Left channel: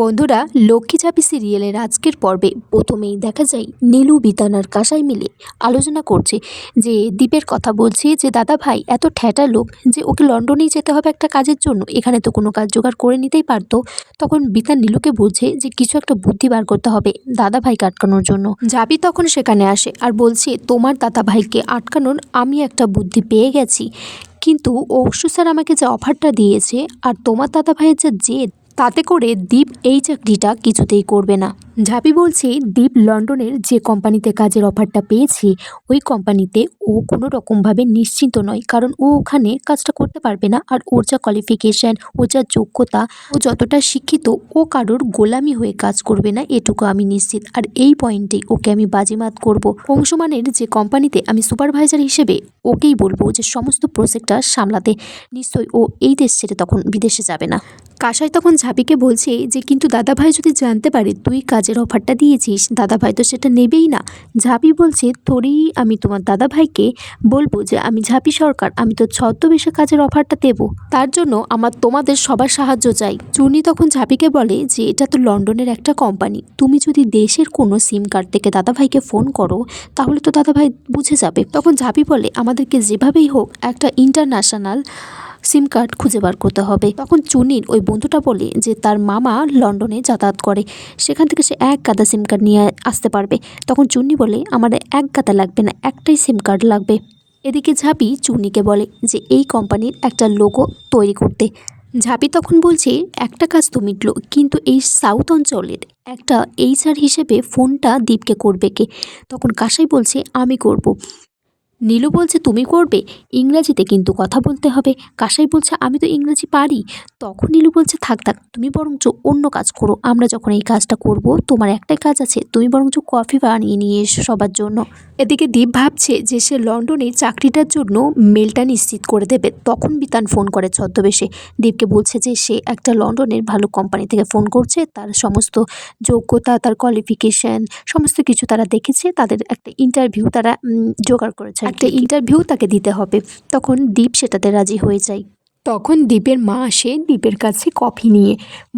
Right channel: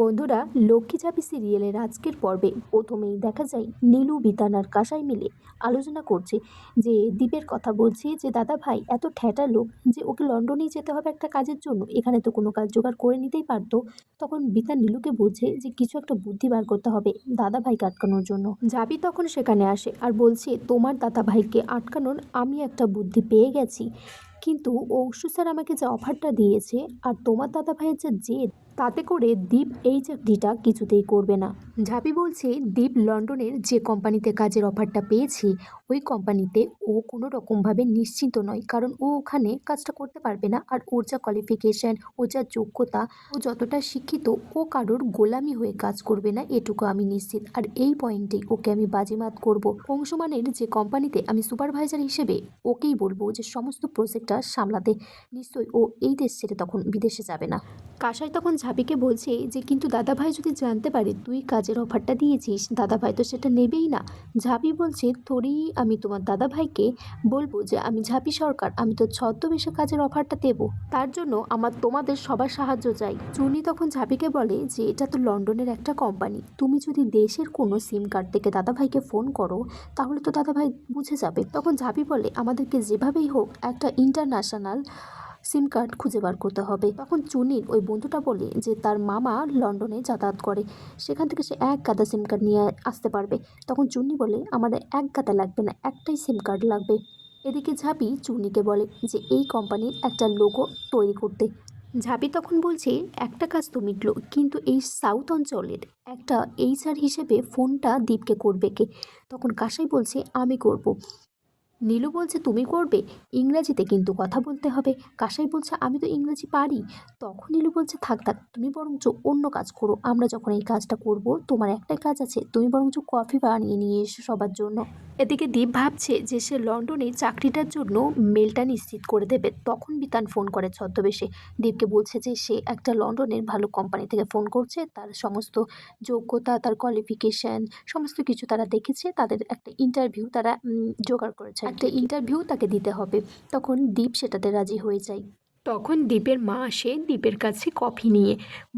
বন্ধুরা, লক্ষ্মী ঝাঁপি সিরিয়ালের আজকের পর্বে প্রথমেই দেখা যায় নীলু, বিতান আর কাসাই মিলে আলোচনা করছে যে দীপের কথা বলছে যে দাদা ভাই এত ঠ্যাটা লোক যে ওকে লন্ডনেই যেতে হবে একটা কাজের জন্য, এখানে তো কোনো কাজ জোগাড় করে নিতেই পারতো। তখন বিতান নীলুকে বলছে যে কিছু একটা বুদ্ধি বার করতে হবে দাদা ভাইকে আটকানোর জন্য। ঝাঁপি তখন সেখানে আসে আর বলছে তোমার দাদা ভাইকে আটকানোর আমি একটা বুদ্ধি পেয়ে গেছি, কিন্তু অবশ্য স্যার আমাকে যে অফারটা দিয়েছে আর তোমার দাদা ভাইয়ের যে জেদ, তাতে করে দীপ এই চাকরিটা কিছুতেই করবে না। ঝাঁপি বলছে দীপ লন্ডনের যে কোম্পানিতে কাজের অফারটা পেয়েছে ওই কোম্পানিতে ও কোনো রকমভাবে নিশ্চিন্ত নয়, কারণ ও ওখানে কাজটা করতে পারবে না। আর ওর যা কোয়ালিফিকেশান, ও যা যোগ্যতা, ও যতটা শিক্ষিত, ও কারোর গোলামি হয়ে কাজ করবে না, এটুকু আমি নিশ্চিত। আর এই পয়েন্টেই ওকে আমি বাজিমাত করব। অংশমানের যে কোম্পানিতে আমি সুপারভাইজার হিসেবে ওকেই বলবো যে সমস্ত প্রজেক্টটা সামলাতে। নিশ্চয়ই ও এই দেশ ছেড়ে তখন বিদেশে যাবে না। কাসাই তখন ঝাঁপিকে বলছে যে কিন্তু দাদাভাই যদি জানতে পারে তুই কাজের অফারটা দিয়েছিস, দাদাভাই তো সেটা নেবেই না। ঝাঁপি বলছে তোরই আমি তোমার দাদাভাইকে বলবো যে আমি ঝাঁপি সরকার, আমি তো ছদ্মবেশে কাজের অফারটা দেবো, তার জন্য আমার তোমাদের সবার সাহায্য চাই। চুনি তখন ঝাঁপিকে বলে যে এটা তো লন্ডনের একটা কোম্পানি, তুমি যদি দেশের কোনো সিম কার্ড থেকে দাদাভাইকে ফোন করো তাহলে তো দাদাভাই বুঝে যাবে। তখন ঝাঁপি বলে আমাদেরকে যেভাবেই হোক একটা ইন্টারন্যাশনাল সিম কার্ড খুঁজে বার করতে হবে। তখন চুনির ওই বন্ধুটা বলে যে তার মামা লন্ডনে যাতায়াত করে, সেখান থেকে সে এক গাদা সিম কার্ড নিয়ে আসতে পারবে। তখন চুন্নি বলে আমার এক গাদা লাগবে না, একটাই সিম কার্ড লাগবে। এদিকে ঝাঁপি চুন্নিকে বলে যে এই কোম্পানির একটা লোগো তৈরি করতে। ঝাঁপি তখন বলছে একটা কাজ তো মিটলো, কিন্তু এই সাউথ অঞ্চলের একটা HR হিসেবে ফোনটা দীপকে করবে কে? তখন কাসাই বলছে আমি করব। নীলু বলছে তুমি করবে, ইংরাজিতে কিন্তু কথা বলতে হবে। কাসাই বলছে আমি তো ইংরাজি পারি। তখন নীলু বলছে থাক থাক, তুমি বরঞ্চ অন্য কাজ করো, আমরা যখন এই কাজটা করব তোমার একটাই কাজ আছে, তুমি বরঞ্চ কফি বানিয়ে নিয়ে এসো সবার জন্য। এদিকে দীপ ভাবছে যে সে লন্ডনে চাকরিটার জন্য মেলটা নিশ্চিত করে দেবে। তখন বিতান ফোন করে ছদ্মবেশে, দীপকে বলছে যে সে একটা লন্ডনের ভালো কোম্পানি থেকে ফোন করছে, তার সমস্ত যোগ্যতা, তার কোয়ালিফিকেশান সমস্ত কিছু তারা দেখেছে, তাদের একটা ইন্টারভিউ তারা জোগাড় করেছে, একটা ইন্টারভিউ তাকে দিতে হবে। তখন দীপ সেটাতে রাজি হয়ে যায়। তখন দীপের মা আসে দীপের কাছে কফি নিয়ে,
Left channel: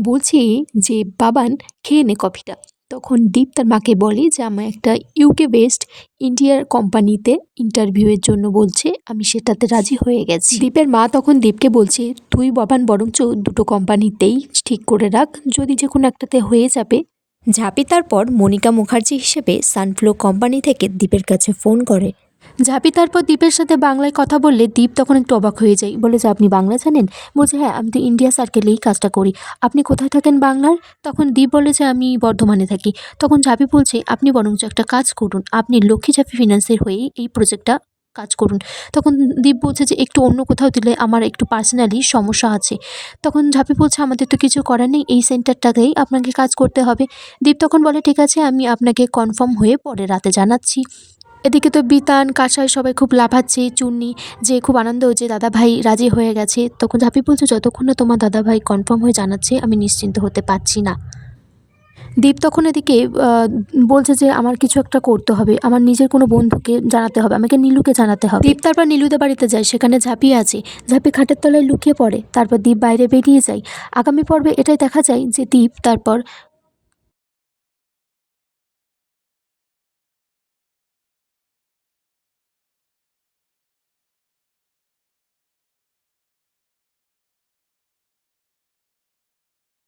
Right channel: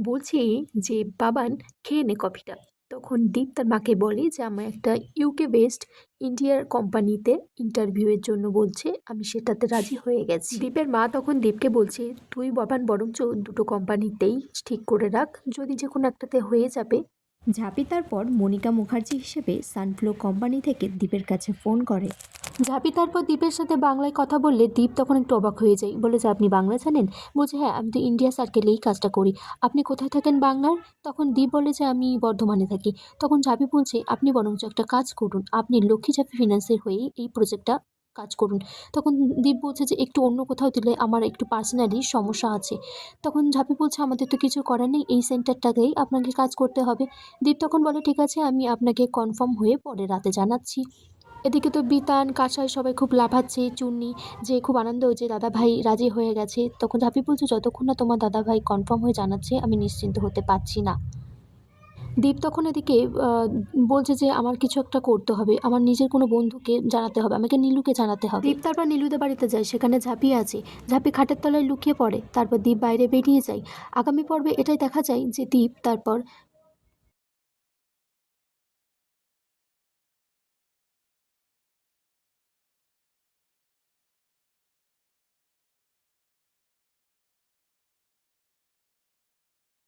বলছে যে বাবান খেয়ে নে কফিটা। তখন দীপ তার মাকে বলে যে আমার একটা UK বেসড ইন্ডিয়ার কোম্পানিতে ইন্টারভিউয়ের জন্য বলছে, আমি সেটাতে রাজি হয়ে গেছি। দীপের মা তখন দীপকে বলছে তুই বাবান বরঞ্চ দুটো কোম্পানিতেই ঠিক করে রাখ, যদি যে কোনো একটাতে হয়ে যাবে। ঝাঁপি তারপর মনিকা মুখার্জি হিসেবে সানফ্লো কোম্পানি থেকে দীপের কাছে ফোন করে। ঝাঁপি তারপর দীপের সাথে বাংলায় কথা বললে দীপ তখন একটু অবাক হয়ে যায়, বলে যে আপনি বাংলা জানেন? বলছে হ্যাঁ, আমি তো ইন্ডিয়া সার্কেলেই কাজটা করি। আপনি কোথায় থাকেন বাংলার? তখন দীপ বলে যে আমি বর্ধমানে থাকি। তখন ঝাঁপি বলছে আপনি বরঞ্চ একটা কাজ করুন, আপনি লক্ষ্মী ঝাঁপি ফিন্যান্সের হয়েই এই প্রজেক্টটা কাজ করুন। তখন দীপ বলছে যে একটু অন্য কোথাও দিলে আমার একটু পার্সোনালি সমস্যা আছে। তখন ঝাঁপি বলছে আমাদের তো কিছু করার নেই, এই সেন্টারটাতেই আপনাকে কাজ করতে হবে। দীপ তখন বলে ঠিক আছে, আমি আপনাকে কনফার্ম হয়ে পরে রাতে জানাচ্ছি। এদিকে তো বিতান, কাসাই সবাই খুব লাফাচ্ছে, চুন্নি যে খুব আনন্দ হচ্ছে দাদা ভাই রাজি হয়ে গেছে। তখন ঝাঁপি বলছে যতক্ষণ না তোমার দাদা ভাই কনফার্ম হয়ে জানাচ্ছে আমি নিশ্চিন্ত হতে পারছি না। দীপ তখন এদিকে বলছে যে আমার কিছু একটা করতে হবে, আমার নিজের কোনো বন্ধুকে জানাতে হবে, আমাকে নীলুকে জানাতে হবে। দীপ তারপর নীলুদের বাড়িতে যায়, সেখানে ঝাঁপি আছে। ঝাঁপি খাটের তলায় লুকিয়ে পড়ে, তারপর দীপ বাইরে বেরিয়ে যায়। আগামী পর্বে এটাই দেখা যায় যে দীপ তারপর